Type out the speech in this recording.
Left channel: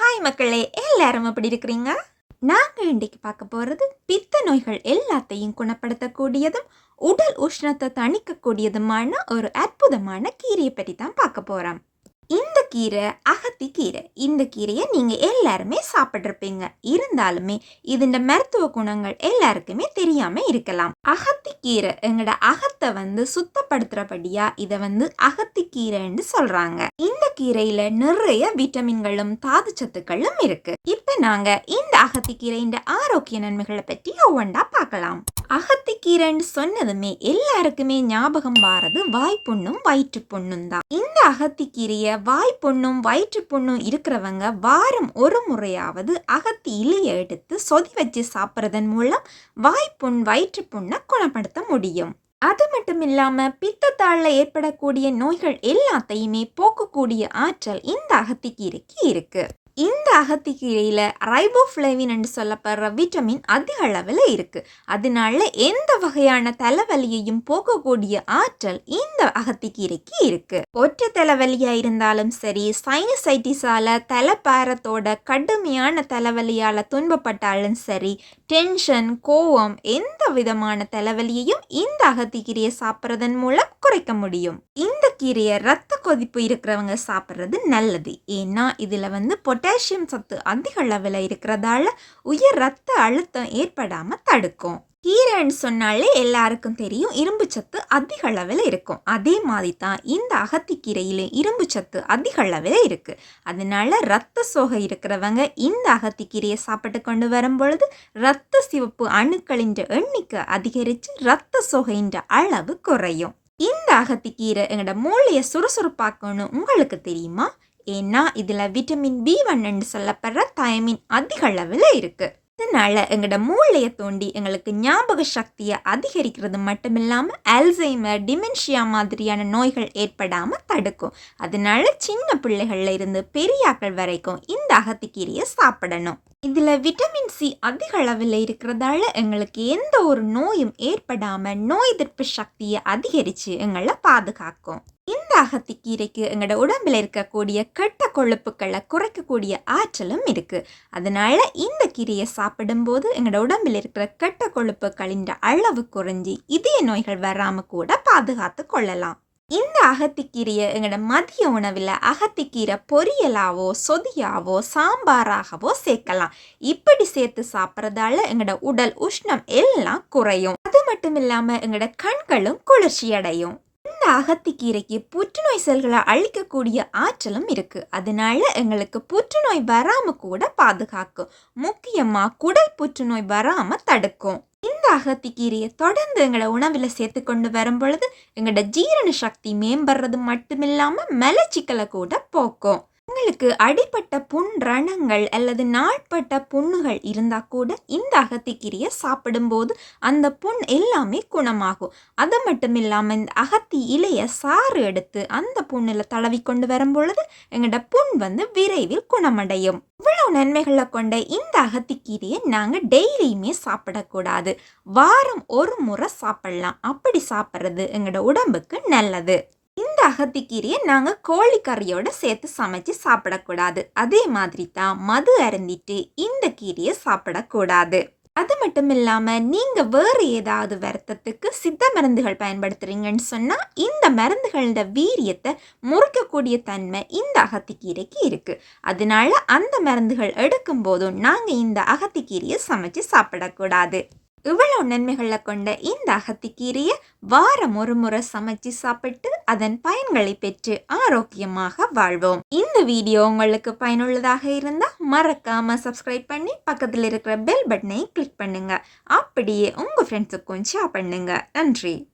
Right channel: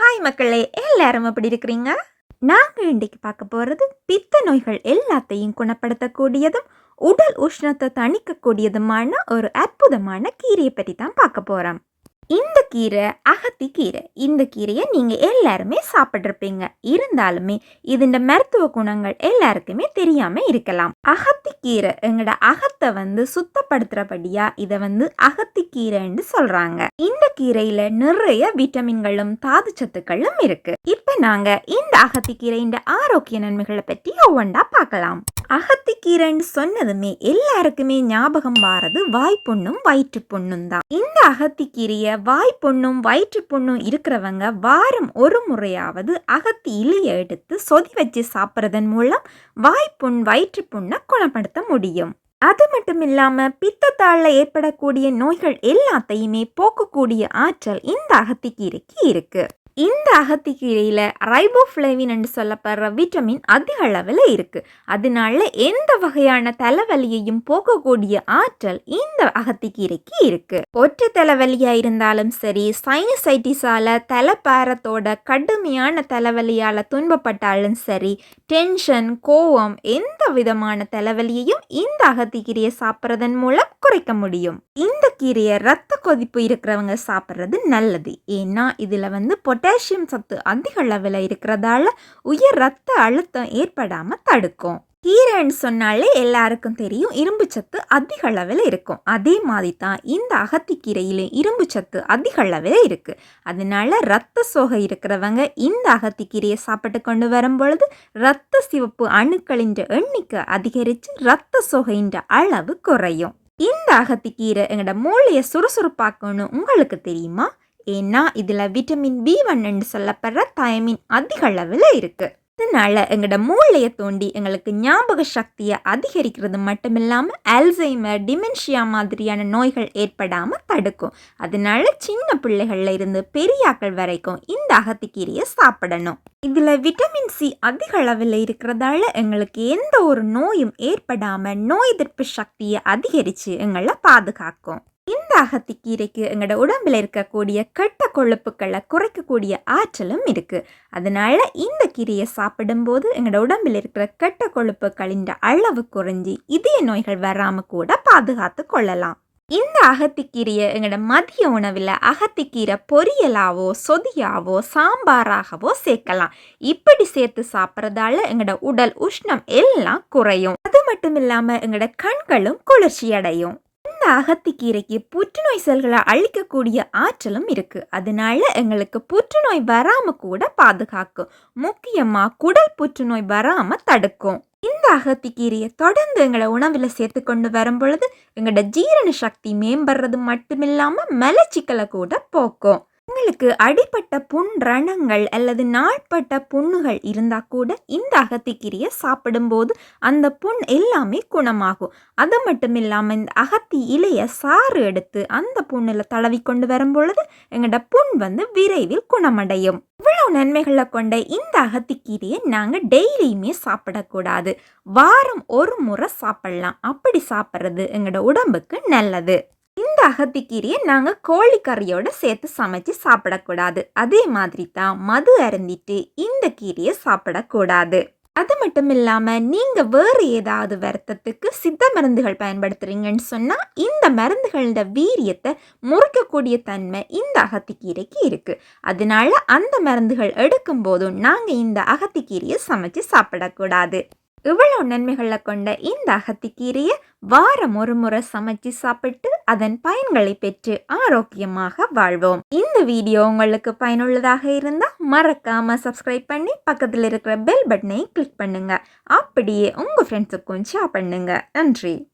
Hi மக்களே. எல்லாரும் எப்படி இருக்கிறீங்க? நாங்கள் இன்றைக்கு பார்க்க போகிறது பித்த நோய்கள் எல்லாத்தையும் குணப்படுத்தக்கூடியதும் உடல் உஷ்ணத்தை தணிக்கக்கூடியதுமான ஒரு அற்புதமான கீரையை பற்றி தான் பார்க்க போகிறோம் இந்த கீரை அகத்தி கீரை இந்த கீரையை நீங்கள் எல்லாருமே சாப்பிட்ருப்பீங்க இருந்தாலுமே இதன் மருத்துவ குணங்கள் எல்லாருக்குமே தெரியாமல் இருக்கலாம். அகத்தி கீரை எங்களோட அகத்தை வந்து சுத்தப்படுத்துகிறபடியாக இதை வந்து அகத்தி கீரைன்னு சொல்கிறாங்க இந்த கீரையில் நிறைய விட்டமின்களும் தாது சத்துக்களும் இருக்குது இப்போ நாங்கள் இந்த அகத்தி கீரையின் ஆரோக்கிய நன்மைகளை பற்றி ஒவ்வொன்றா பார்க்கலாம் அகத்திக்கீரைன்னு சொன்னதுமே எல்லாருக்குமே ஞாபகம் வாரது வாய்ப்புண்ணும் வயிற்று புண்ணும் தான். இந்த அகத்திக்கீரையை வாய்ப்புண்ணும் வயிற்று புண்ணும் இருக்கிறவங்க வாரம் ஒரு முறையாவது அகத்தி இலையை எடுத்து சொதி வச்சு சாப்பிட்றதன் மூலம் வாய்ப்புண் வயிற்று புண்ணை குணப்படுத்த முடியும். அது மட்டும் இல்லாம பித்தத்தாளில் ஏற்படக்கூடிய நோய்கள் எல்லாத்தையுமே போக்கக்கூடிய ஆற்றல் இந்த அகத்திக்கீரைக்கு இருக்கு. இந்த அகத்திக்கீரையில் ரைபோஃப்ளேவின் என்று சொல்லப்படுற விட்டமின் அதிக அளவில் இருக்குது அதனால எந்த வகையான தலைவலியையும் போக்கக்கூடிய ஆற்றல் இந்த அகத்திக்கீரைக்கு இருக்குது ஒற்றை தலைவலியாக இருந்தாலும் சரி சைனசைட்டிஸால் தலைப்பாரத்தோட கடுமையான தலைவலியால் துன்பப்பட்டாலும் சரி டென்ஷன் கோவம் எந்த விதமான தலைவலியையும் இந்த அகத்திக்கீரையை சாப்பிட்றதன் மூலம் குறைக்க முடியும். இந்த கீரையை ரத்த கொதிப்பு இருக்கிறவங்க சாப்பிட்றது நல்லது. ஏன்னா இதில் வந்து பொட்டாசியம் சத்து அதிக அளவில் இருக்கிறதால உயர் ரத்த அழுத்தம் ஏற்படாமல் தடுக்கும். கீரைன்னு சொன்னாலே எல்லாருக்கும் தெரியும். இரும்பு சத்து அதிக அளவில் இருக்கும். அதே மாதிரி தான் இந்த அகத்திக்கீரையிலும் இரும்பு சத்து அதிக அளவில் இருக்குது அதனால ரத்த சோகை இருக்கிறவங்க இந்த அகத்திக்கீரையை சாப்பிட்டு கொண்டு வரும் பொழுது ரத்த சிவப்பு அணுக்களின் எண்ணிக்கை அதிகரித்து ரத்த சோகையின் அளவு குறையும். இந்த அகத்திக்கீரை எங்களோட மூளையை சுறுசுறுப்பாக்கணும் உங்களுக்கு தெரியுமா? ஏன்னா இதில் விட்டமின் பி ஒன்னு சொல்லப்படுற தயமின் அதிக அளவில் இருக்குது இதனால எங்களோட மூளையை தோண்டி எங்களுக்கு ஞாபக சக்தியை அதிகரிக்கிறது மட்டும் இல்லாமல் அல்சைமர் டிமென்ஷியா மாதிரியான நோய்கள் ஏற்படாமல் தடுக்கும். அதனால சின்ன பிள்ளைகள்ல இருந்து பெரியாக்கள் வரைக்கும் இந்த அகத்திக்கீரையை சாப்பிடணும். இதில் விட்டமின் சி அதிக அளவில் இருக்கிறதால எங்களுக்கு எந்த ஒரு நோயும் ஏற்படாமல் நோய் எதிர்ப்பு சக்தியை அதிகரித்து எங்களை பாதுகாக்கும். இந்த அகத்திக்கீரைக்கு எங்களோட உடம்பில் இருக்கக்கூடிய கெட்ட கொழுப்புக்களை குறைக்கக்கூடிய ஆற்றலும் இருக்குது அதனால் இந்த கீரையை சாப்பிடும்போது எங்களோட உடம்பில் இருக்கிற கெட்ட கொழுப்புகளின் அளவு குறைஞ்சி இதய நோய்கள் வராமல் கூட பாதுகாத்து கொள்ளலாம். இந்த அகத்திக்கீரையை எங்களோட மதிய உணவில் அகத்திக்கீரை பொரியலாவோ சொதியாவோ சாம்பாராகவோ சேர்க்கலாம். இப்படி சேர்த்து சாப்பிட்றதால எங்களோட உடல் உஷ்ணம் எல்லாம் குறையும். அது மட்டும் இல்லாமல் எங்களோட கண்களும் குளிர்ச்சி அடையும் இந்த அகத்திக்கீரைக்கு புற்றுநோய் செல்களை அழிக்கக்கூடிய ஆற்றலும் இருக்குது அதனால எங்களுக்கு புற்றுநோய் வராமல் கூட பாதுகாக்கும். முக்கியமாக குடல் புற்றுநோய் வராமல் தடுக்கும். இந்த அகத்திக்கீரையை தொடர்ந்து எங்களை உணவில் சேர்த்து கொண்டு வரும் பொழுது எங்களோட ஜீரண சக்தி மேம்படுறது மட்டுமில்லாமல் மலச்சிக்கலை கூட போக்கும். தங்களுக்கு அடிப்பட்ட புண் ரணங்கள் அல்லது நாட்பட்ட புண்ணுகள் இருந்தால் கூட இந்த அகத்திக்கீரையை சாப்பிடும்போது அந்த புண் எல்லாமே குணமாகும். அது மட்டும் இல்லாமல் இந்த அகத்தி இலையை சாறு எடுத்து அந்த புண்ணில் தடவி கொண்டு வரும் பொழுது எங்களோட புண் வந்து விரைவில் குணமடையும். இவ்வளோ நன்மைகளை கொண்ட இந்த அகத்திக்கீரையை நாங்கள் டெய்லியுமே சாப்பிடக்கூடாது. வாரம் ஒரு முறை சாப்பிடலாம். அப்படி சாப்பிட்றது எங்களோட உடம்புக்கு நல்லது. இந்த அகத்திக்கீரையை நாங்கள் கோழிக்கறியோடு சேர்த்து சமைச்சு சாப்பிடக்கூடாது. அதே மாதிரி தான் மது அருந்திட்டு இந்த கீரையை சாப்பிடக்கூடாது. அது மட்டும் இல்லாமல் நீங்கள் வேறு ஏதாவது வருத்தத்துக்கு சித்த மருந்துகள் பயன்படுத்துகிறீங்கன்னு சொன்னால் இந்த மருந்துகளோட வீரியத்தை முறிக்கக்கூடிய தன்மை இந்த அகத்திக்கீரைக்கு இருக்குது அதனால அந்த மருந்துகள் எடுக்கும் போதும் நாங்கள் இந்த அகத்திக்கீரையை சமைச்சு சாப்பிடக்கூடாது. இவ்வளோ நன்மைகளை கொண்ட இந்த அகத்திக்கீரையை வாரம் ஒரு முறை சமைச்சு சாப்பிட்டு அதன் பயன்களை பெற்று ஆரோக்கியமாக வாழ்வோம். இந்த வீடியோ உங்களுக்கு பயனுள்ளதாக இருந்தால் மறக்காம சப்ஸ்கிரைப் பண்ணி பக்கத்தில் இருக்கிற பெல் பட்டனை கிளிக் பண்ணுங்க. அப்படியே உங்கள் ஃப்ரெண்ட்ஸுக்கும் ஷேர் பண்ணுங்க. நன்றி.